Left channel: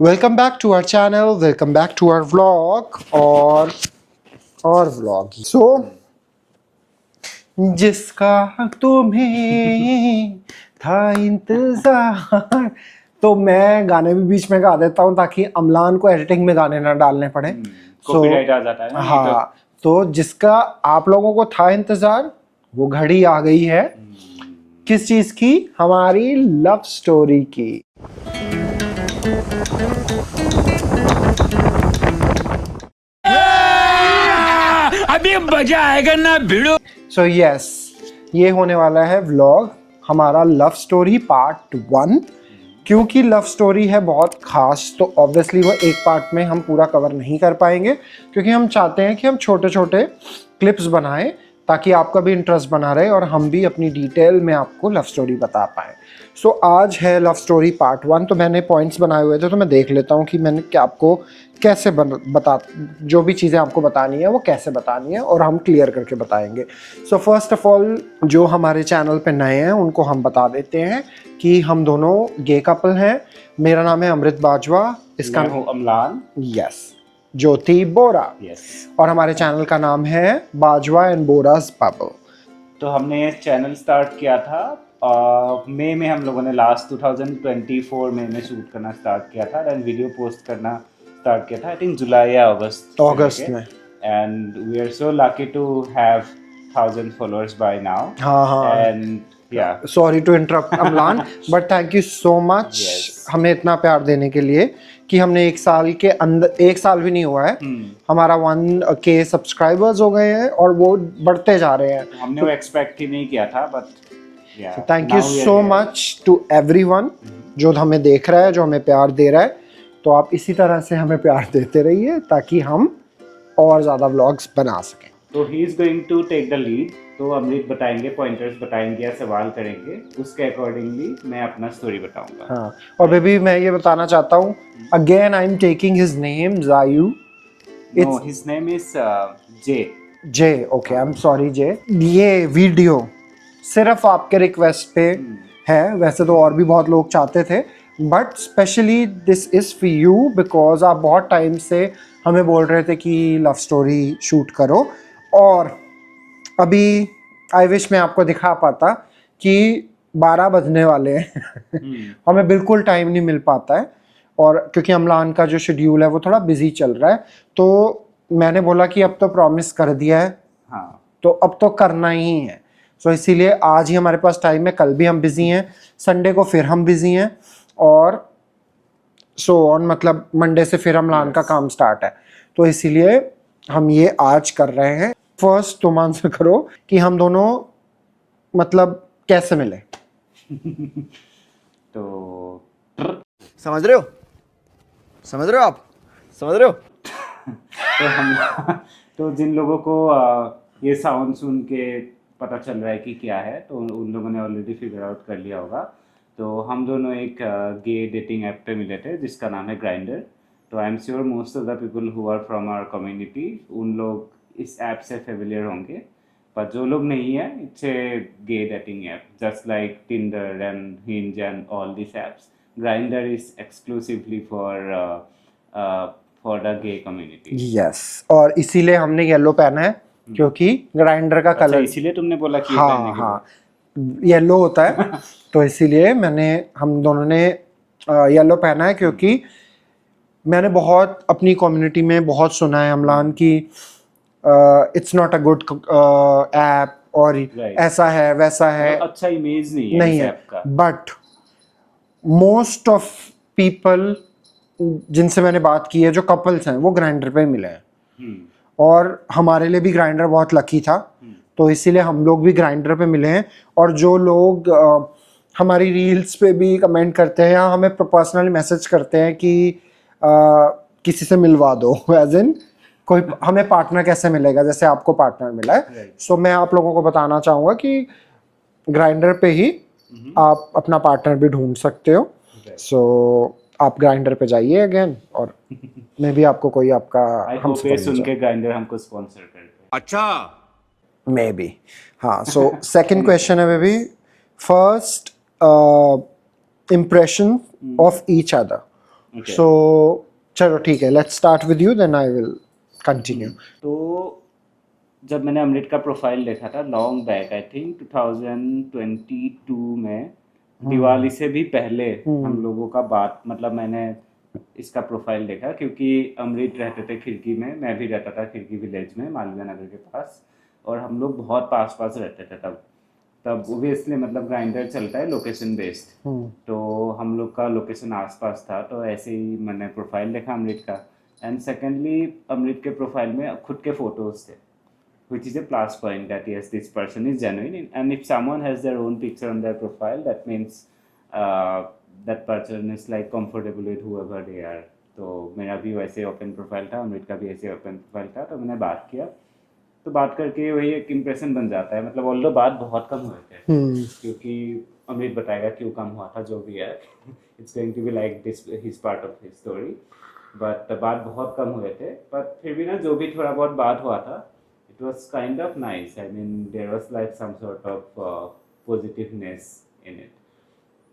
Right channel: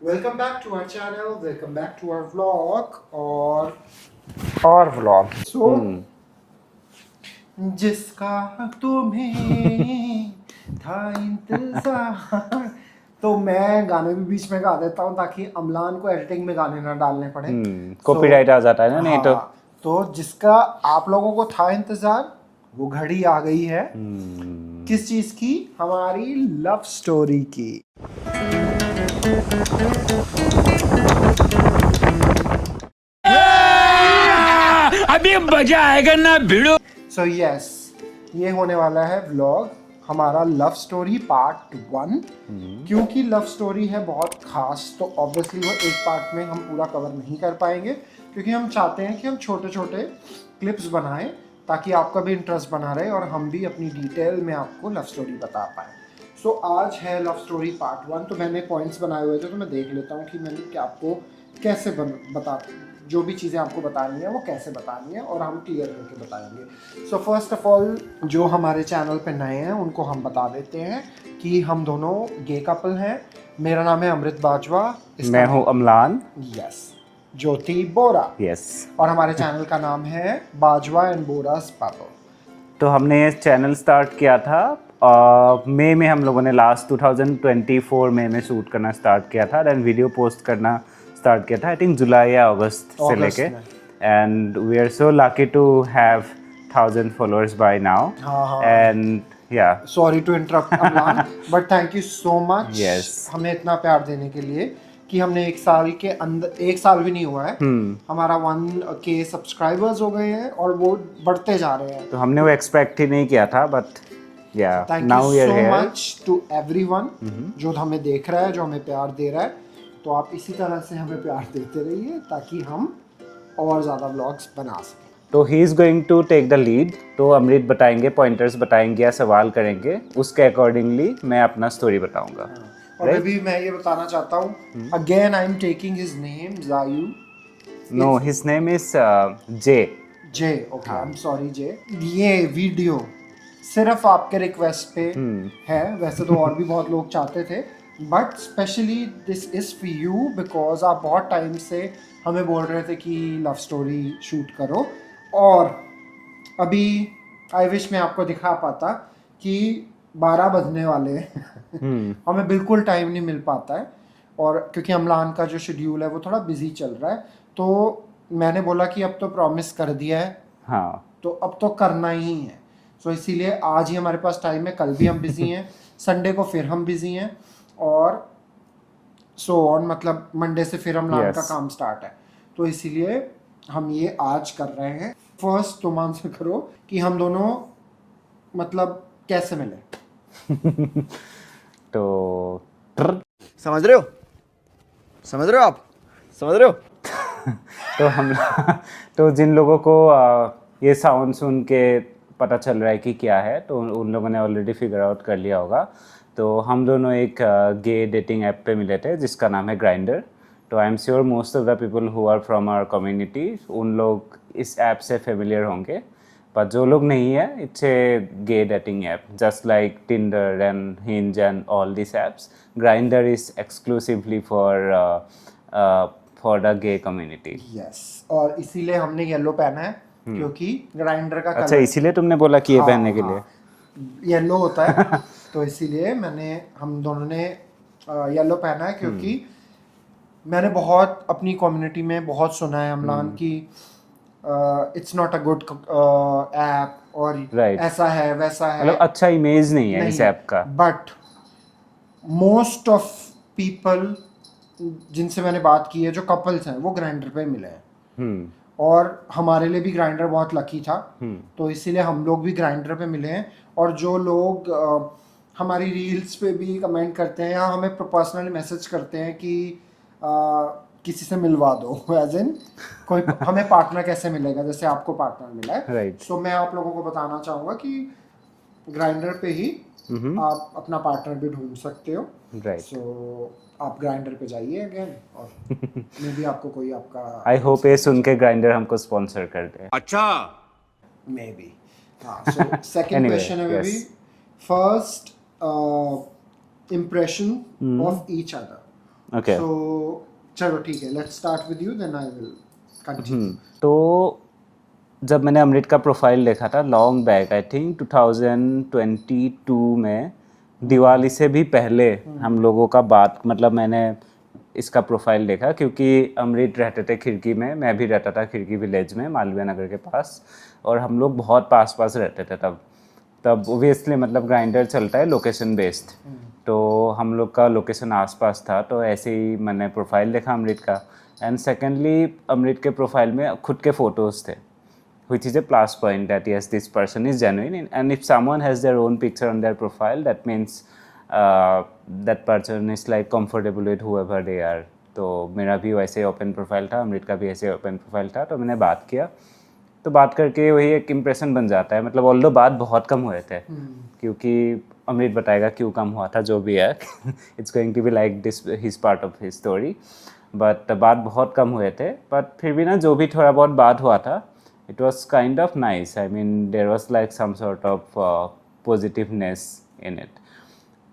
Welcome back to our channel. Welcome back to our vlog और vlog. So जिसका तुम्हें था इंतजार, तो मैं गाने भी बीच में गा देता हूँ ताकि अमलान को एडिटिंग में गाने ना डालने पड़े. कॉपीराइट आ जाता है ना, नहीं हाँ, तो जिसका आप लोगों को था इंतजार वो घड़ी आ गई है. किस चीज की? हमारी लव स्टोरी की. अभी मजा आएगा ना भिड़ो. सो यस, ये होने वाला है व्लॉग हमारा लव स्टोरी पार्ट 1. क्योंकि लव स्टोरी है बहुत खास, तो ऑब्वियसली वो एक पार्ट में हम पूरा कवर नहीं कर पाएंगे, क्योंकि हम चाहते हैं कि हम छोटे छोटे क्लिप्स बनाएं ताकि आपका भी इंटरेस्ट बना रहे और हम भी अपनी डिटेल में आपको लव स्टोरी बता पाएँ. सो आज है लव स्टोरी पार्ट 1. तो मैंने पॉइंट्स बनाए हुए थे, तो मैं देख लेता हूँ कि मैंने क्या आपको कैसे बता जो भी चीज़ें आपको बतानी है वो कैसे बतानी है और हम क्लियर करके बताएंगे. सो फर्स्ट ऑफ ऑल, जो हमारे चैनल पे नए हैं उनको हम बता देते हैं कि हम दोनों गे कपल हैं. मेरा नाम है अमृत बाजवा. मैं हूँ अमलान. यस. ज्योति बोरा. यस. और हमारे चैनल का नाम है बाजवा एंड बोरास बबल. तो हमने ये चैनल स्टार्ट किया था मई में. हम लोगों ने लास्ट 2024 मई में शूट करना स्टार्ट किया था. देन वीडियो पोस्ट करना स्टार्ट किया था आई थिंक जुलाई या अगस्त से लेके. And we are so lucky to have 1000 followers by now. And yeah sorry to interrupt Amlan, but thank you so much हमें इतना प्यार देने के लिए कि हमने एक साल के अंदर, एक साल भी नहीं हुआ है, हमारा 1K सब्सक्राइबर्स हो गए हैं और वो बढ़ते जा रहे हैं. तो हमने वो एक्सपेक्ट ही नहीं किया था, but thank you so much to everyone जो हमें देख रहा है, जो हमें प्यार दे रहा है. तो आप इसी तरह से हमें प्यार देते रहिए ताकि हम और ज़्यादा व्लॉग्स बना सकें. तो he is going to take the lead. तो अमृत बताएंगे, पॉइंटर्स बताएंगे या सवाल करेंगे, उसके अकॉर्डिंगली मैं अपना स्टोरी बताऊंगा. हाँ, और बेबी मैं ये बताना चाहता हूँ, again I am taking his name Jayu. No, his name is J. Okay, I am sorry J. ये वीडियो सिर्फ आपके रिक्वेस्ट पे है. वैसे तो और भी बहुत लोग चाहते थे, but specially this is for you because आप बहुत टाइम से हमें बोल रहे थे कि लव स्टोरी शूट करो. और अभी आई विश मैं आपको दिखा पाता कि 12 बजने वाले हैं. हमें बिल्कुल टाइम नहीं मिल पाता है, और क्योंकि अमलान का जो शेड्यूल है वो थोड़ा बिजी चल रहा है, तो मैंने बोला कि अब तो प्रॉमिस कर दिया है, हाँ, तो अब तो करना ही है. सो इसीलिए आज ही हमारे पास टाइम है. कल भी हम बिजी हैं, संडे को फिर हम बिजी हैं, और सो ऑन, मतलब मंडे से फिर अमलान का काम स्टार्ट है. तो इसीलिए हम ये आज कर रहे हैं. फर्स्ट तुम आंसर करो कि हम दोनों मतलब कैसे मिले. तो समझ रहे हो आप समझ रहे हो. तो हम तो जिन लोगों को ये साउंड सुन के पता चल रहा है कि क्या है, तो उन लोगों ने ऑलरेडी फिगर आउट कर लिया होगा. तो हम दोनों एक गे डेटिंग ऐप पे मिले थे जिसका नाम है ग्राइंडर. तो I am sure most of the people who are from our community, उन लोग इस ऐप से फेमिलियर होंगे. पर जो लोग नहीं है, it's a gay dating app just like Tinder and Hinge and all this apps. Grindr is exclusively for the gay community. Yes, और इसीलिए हमने येलो पहना है क्योंकि ग्राइंडर का अच्छा, कलर इसीलिए तुमने बोला कि ये पहनने के लिए येलो होता है. तो इसीलिए हम दोनों ने येलो पहना है, क्योंकि मैंने बहुत अपनी कम्युनिटी में बहुत सुना है अमलान की it's not a good app, और ऐसा है वैसा है, अच्छा इमेज नहीं है इस ऐप का. बट मोस्ट ऑफ पीपल जिनसे मैंने बात की है, जो कपल्स हैं, वो ग्राइंडर पे मिले हैं. और हमारे लिए भी ग्राइंडर बहुत लकी था, तो इसीलिए हम लोग भी ग्राइंडर पे मिले हैं. और जो लोग हमारी रील्स पे भी कमेंट करते हैं या हमें पर्सनली मैसेज करते हैं कि किसी से मिलवा दो, एज इन कोई हमें पार्टनर कैसे मिलेगा, जैसे आपको पार्टनर मिला है. सो मैं आप लोगों को बताना चाहूँगा कि ग्राइंडर पे ही आप अपना पार्टनर भी ढूंढ सकते हो. सो आप ग्राइंडर पे जाइए अगेन, और मैं भी आपको कोई आपका आई होप ये सुन के ग्राइंडर हमको स्पॉन्सर कर दे. अच्छा, मे बी. हाँ, सो सेकंड क्वेश्चन है baby. First impression of each other. Okay. So चलो ठीक है, let's start with you then I will continue. तो जब मैंने अमृत का प्रोफाइल देखा था लॉन्ग बैक, आई थिंक 2022 में, दिवाली से भी पहले हम लोगों का बात, मतलब मैंने इसका प्रोफाइल देखा क्योंकि अमृत रहते थे खिड़की में, मैं भी रहता था खिड़की विलेज में मालवीय नगर के पास, और हम लोग बहुत पास पास रहते थे तब ओबियसली मतलब ग्राइंडर चलता है लोकेशन बेस्ड, तो हम लोग का लोकेशन आसपास था, तो ऐसे ही मैंने प्रोफाइल देखा अमृत का। एंड सेकेंडली अमृत के प्रोफाइल में खुद के फोटोज़ थे, which is a plus point that yes, this person is genuine, and if someone has their own picture on their profile, that means that person is like comfortable with whoever they are. तो मेरा भी वैसे open profile था, अमृत का भी ऐसे open profile था, तो मैंने बात किया, तो बात करके वही एक इम्प्रेशन बन जाता है, मतलब ऑल्दो बात बहुत कम हुए थे क्योंकि अमृत बताएगा क्यों कम हुआ था, जो भी है it's going to be like this his part of his story, but बात बहुत कम हुए थे, बट फिर भी ना जो भी थोड़ा बहुत बात हुआ था, it was kind of nice. I mean, there was like some sort of positiveness in it.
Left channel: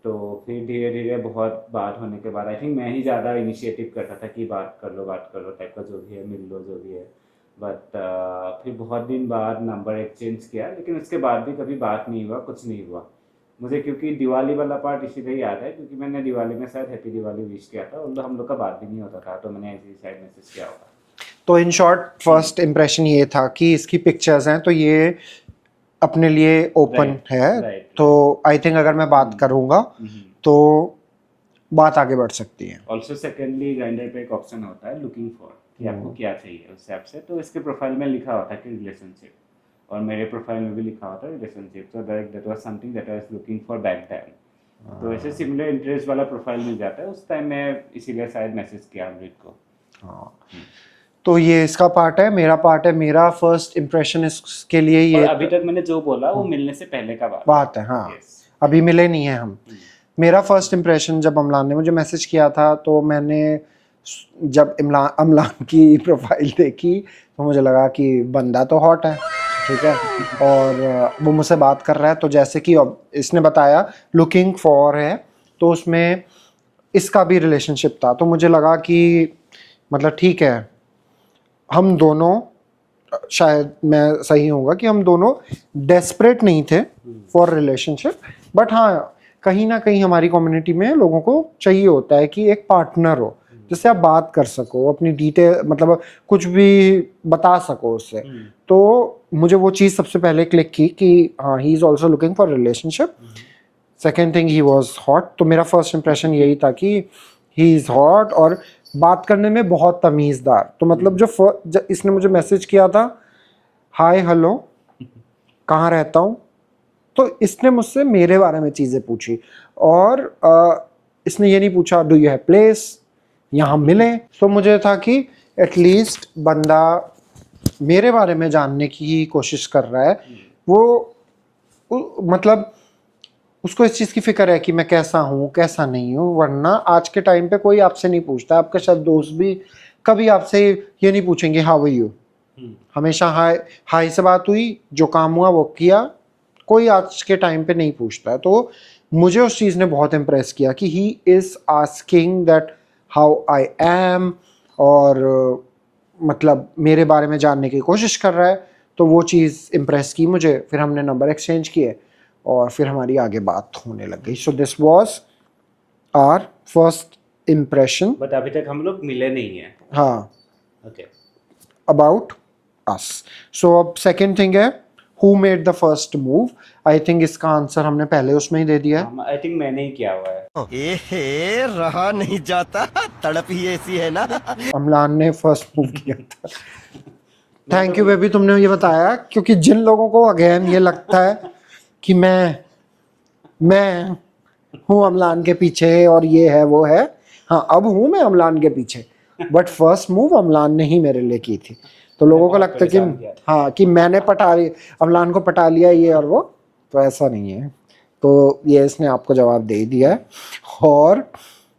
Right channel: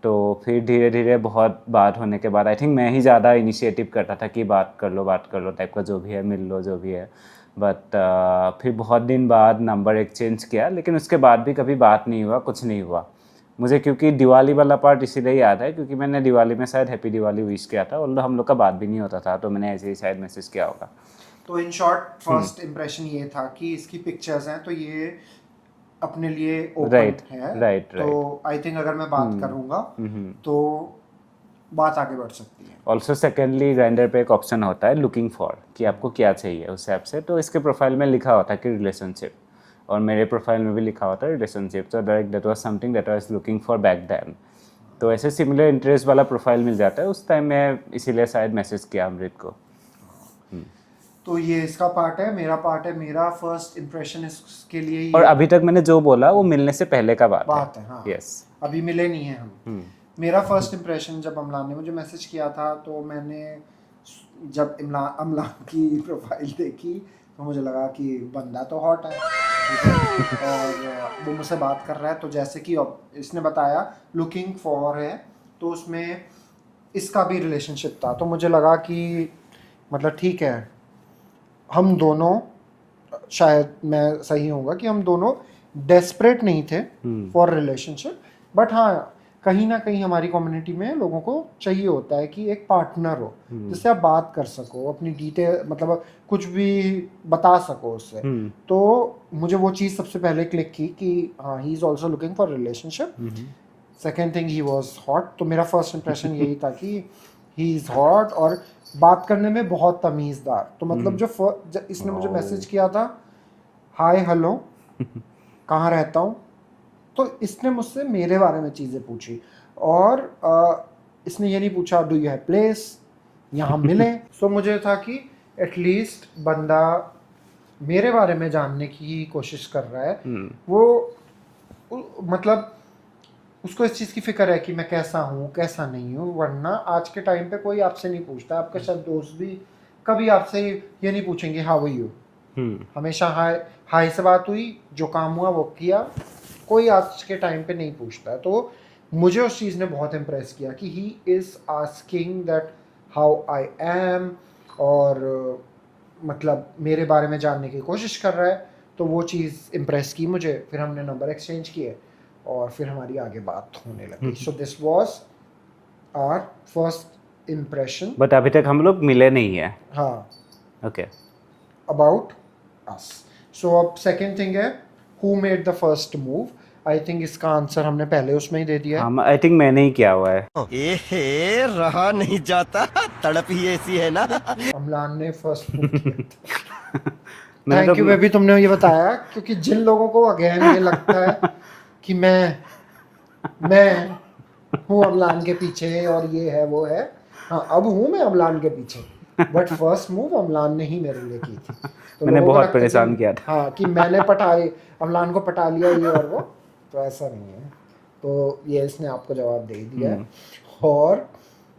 तो फिर धीरे धीरे बहुत बात होने के बाद आई थिंक मैं ही ज़्यादा इनिशिएटिव करता था कि बात कर लो टाइप का, जो भी है मिल लो जो भी है, बट फिर बहुत दिन बाद नंबर एक्सचेंज किया, लेकिन उसके बाद भी कभी बात नहीं हुआ, कुछ नहीं हुआ मुझे, क्योंकि दिवाली वाला पार्ट इसीलिए याद है क्योंकि मैंने दिवाली में शायद हैप्पी दिवाली विश किया था, और हम लोग का बात भी नहीं होता था, तो मैंने ऐसे ही शायद मैसेज किया होगा। तो इन शॉर्ट फर्स्ट इम्प्रेशन ये था कि इसकी पिक्चर्स हैं तो ये अपने लिए ओपन है, right. तो आई थिंक अगर मैं बात करूँगा तो बात आगे बढ़ सकती है। ऑल्सो सेकेंडली ग्राइंडर पे एक ऑप्शन होता है लुकिंग फॉर, कि आपको क्या चाहिए उस ऐप से, तो इसके प्रोफाइल में लिखा होता है कि रिलेशनशिप, और मेरे प्रोफाइल में भी लिखा होता है रिलेशनशिप, तो that was something that I was looking for back then, तो ऐसे सिमिलर इंटरेस्ट वाला प्रोफाइल मिल जाता है उस टाइम, मैं इसीलिए शायद मैसेज किया अमृत को। तो ये इसका पार्ट है, मेरा पार्ट है, मेरा फर्स्ट इम्प्रेशन इसके लिए ये, और अभी तक मैंने जो बोला वो मिलने से पहले का बात है। हाँ yes. अभी मिले नहीं है हम। मेरा फर्स्ट इम्प्रेशन जब अमलान ने मुझे मैसेज किया था, तो मैंने जब अमलान की प्रोफाइल देखी तो मुझे लगा कि बंदा तो हॉट है, ठीक है, और वो मुझसे बात कर रहा है, तो जैसे कि इसने बताया लुकिंग फॉर है, तो उसमें इसका भी रिलेशनशिप था, तो मुझे लगा कि मतलब ठीक है, हम दोनों, शायद मैं सही होगा कि हम दोनों डेस्परेट नहीं थे फॉर रिलेशनशिप, बट हाँ कहीं ना कहीं हमारी कम्युनिटी में लोगों को चाहिए होता है कि एक पार्टनर हो जिससे आप बात कर सको, अपनी डिटेल मतलब कुछ भी बता सको उससे। तो मुझे वो चीज़ सबसे पहले क्लिक की कि हाँ he is also looking for relationship. Second thing, he was hot, तो मेरा फर्स्ट इम्प्रेशन यही था कि ही इज़ हॉट और बात करने में बहुत तमीज़दार। तो मतलब जो इसने मुझे मैसेज किया था, हाय हेलो कहाँ रहता हूँ, तो इसने मुझसे मेरे बारे में चीज़ें पूछी, और इसने ये नहीं पूछा डू यू हैव प्लेस, यहाँ मिले। सो मुझे था कि एटलीस्ट बंदा मेरे बारे में जानने की कोशिश कर रहा है, वो मतलब उसको इस चीज़ की फिक्र है कि मैं कैसा हूँ कैसा नहीं हूँ, वरना आज के टाइम पे कोई आपसे नहीं पूछता। आपके शायद दोस्त भी कभी आपसे ये नहीं पूछेंगे हाउ आर यू, हमेशा हाय से बात हुई, जो काम हुआ वो किया, कोई आज के टाइम पे नहीं पूछता है। तो मुझे उस चीज़ ने बहुत इम्प्रेस किया कि he is asking that how I am, और मतलब मेरे बारे में जानने की कोशिश कर रहा है, तो वो चीज़ इम्प्रेस की मुझे। फिर हमने नंबर एक्सचेंज किए और फिर हमारी आगे बात होने लग गई। So this was our first impression. But अभी तक हम लोग मिले नहीं है। हाँ, ओके, अबाउट अस। सो अब सेकेंड थिंग है who made the first move. I think इसका आंसर हमने पहले उसमें ही दे दिया है। आई थिंक मैंने ही किया हुआ है। एहे रहा नहीं जाता, तड़प ही ऐसी है ना। अमलान ने फर्स्ट मूव किया था। थैंक यू बेबी, तुमने ये बताया, क्योंकि जिन लोगों को अगेन ये लगता है कि मैं हूँ अमलान के पीछे और ये है वो है, हाँ अब हूँ मैं अमलान के पीछे, बट फर्स्ट मूव अमलान ने ही मेरे लिए की थी। तो लोगों को लगता है कि हाँ कि मैंने अमलान को पटा लिया ये और वो, तो ऐसा नहीं है। तो ये इसने आपको जवाब दे दिया है। और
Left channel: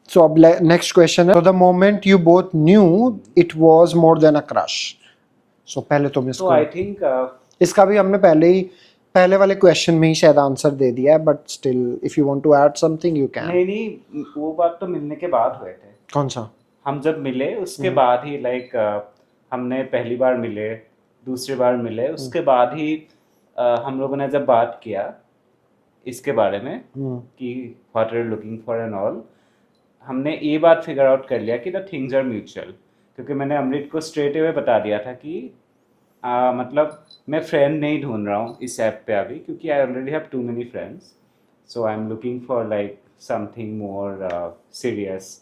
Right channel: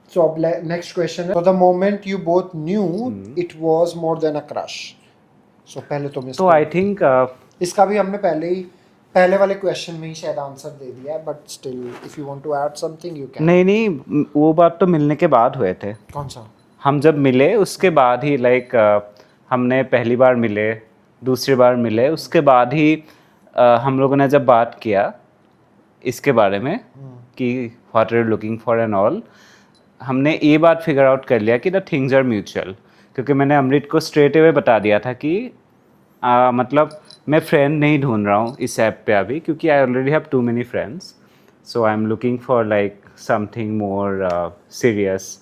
सो अब नेक्स्ट क्वेश्चन है, the moment you both knew it was more than a crush. So पहले तुम इसको, तो आई थिंक इसका भी हमने पहले ही पहले वाले क्वेश्चन में ही शायद आंसर दे दिया है, but still if you want to add something you can. नहीं नहीं, वो बात तो मिलने के बाद हुए थे। कौन सा? हम जब मिले उसके बाद ही लाइक हमने पहली बार मिले, दूसरी बार मिले, उसके बाद ही हम लोगों ने जब बात किया इसके बारे में कि what are you looking for and all, हमने ये बात फिगर आउट कर लिया कि द थिंग्स आर म्यूचुअल। क्योंकि मैंने अमृत को स्ट्रेट अवे बता दिया था कि मतलब मैं फ्रेंड नहीं ढूंढ रहा हूँ इस ऐप पे अभी, क्योंकि I already have too many friends, so I am looking for like something more serious,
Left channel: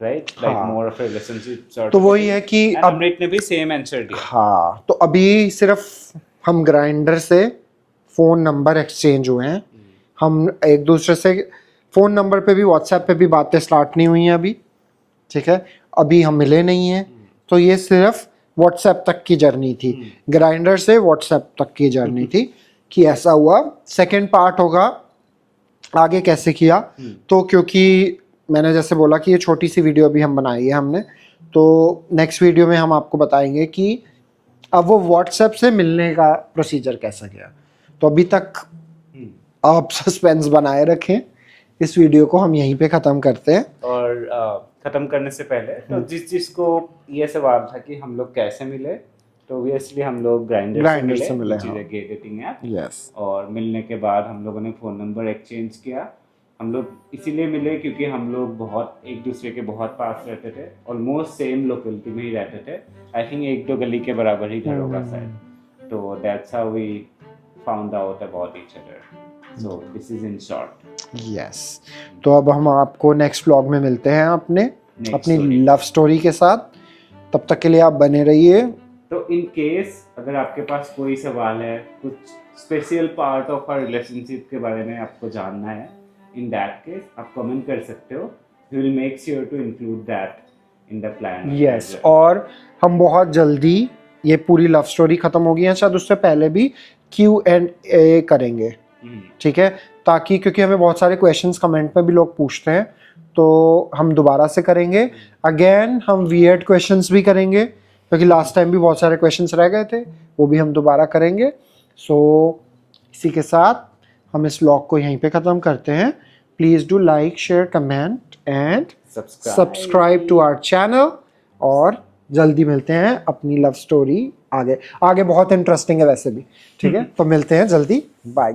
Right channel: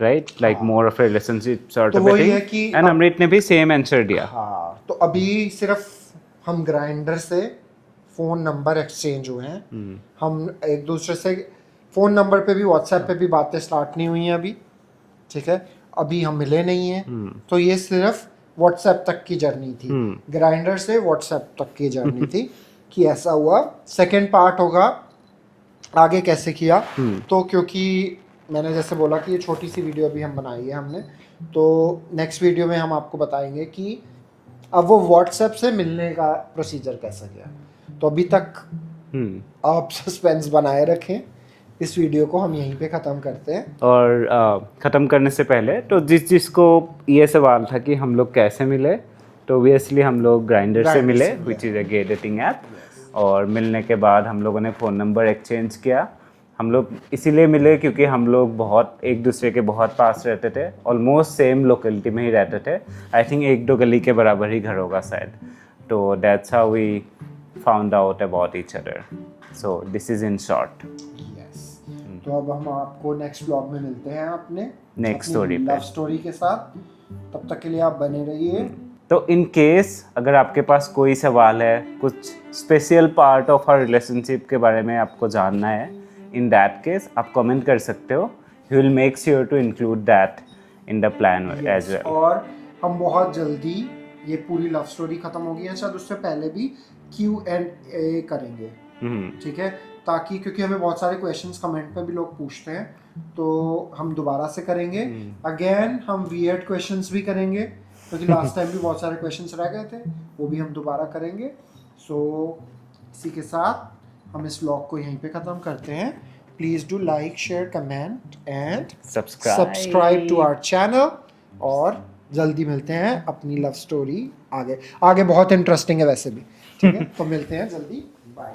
right, like more of relationship sort तो ऑफ वही है कि एंड अमृत ने भी सेम आंसर दिया। हाँ, तो अभी सिर्फ हम ग्राइंडर से फ़ोन नंबर एक्सचेंज हुए हैं। हम एक दूसरे से फ़ोन नंबर पे भी, व्हाट्सएप पे भी बातें स्टार्ट नहीं हुई हैं अभी, ठीक है, अभी हम मिले नहीं हैं। तो ये सिर्फ व्हाट्सएप तक की जर्नी थी, ग्राइंडर से व्हाट्सएप तक की जर्नी थी कि ऐसा हुआ। सेकंड पार्ट होगा आगे कैसे किया, तो क्योंकि मैंने जैसे बोला कि ये छोटी सी वीडियो अभी हम बनाई है हमने, तो नेक्स्ट वीडियो में हम आपको बताएंगे कि अब वो व्हाट्सएप से मिलने का प्रोसीजर कैसा गया। तो अभी तक आप सस्पेंस बनाए रखें, इस वीडियो को हम यहीं पे ख़त्म करते हैं। और ख़त्म करने से पहले तो जिसको ये सवाल था कि हम लोग कैसे मिले, तो ऑब्वियसली हम लोग ग्राइंडर से मिले, which is a gay dating app. और मिलने के बाद हम लोगों ने फ़ोन नंबर एक्सचेंज किया। हम लोग इसीलिए मिले क्योंकि हम लोग बहुत एक दूसरे के बहुत पास रहते थे, ऑलमोस्ट सेम लोकेलिटी में ही रहते थे। आई थिंक 1-2 गली के बराबर ही घर होगा शायद। तो that's how we found out about each other. So this is in short. Yes, तो अब हम आपको नेक्स्ट व्लॉग में मिलते हैं अपनी लव स्टोरी के साथ। तब तक के लिए आप बने रहिए। तो इन केस अगर आपके पास कोई सवाल है, कुछ special part of our relationship के बारे में आपको जानना है, इन दैट केस आप कमेंट कर सकते हो। He will make sure to include that in the plan. Yes, और हम बहुत जल्दी ये पूरी लव स्टोरी खत्म होगी या शायद उससे पहले भी Q&A करेंगे, ठीक है, ताकि क्योंकि हमें बहुत सारे क्वेश्चंस कमेंट पे भी लोग पूछते हैं, तो हम दोबारा से करेंगे। अगेन हम वियर्ड क्वेश्चंस भी करेंगे, क्योंकि लास्ट टाइम भी बहुत सारे क्वेश्चंस रह गए थे, वो भी हम दोबारा करेंगे। सो इसी के साथ हम इस व्लॉग को यहीं पे ख़त्म करते हैं। Please do like, share, comment and subscribe to our channel. और जल्दी मिलते हैं अपनी लव स्टोरी आगे बहुत इंटरेस्टिंग है वैसे भी, ठीक है। तो मिलते हैं जल्दी, बाय।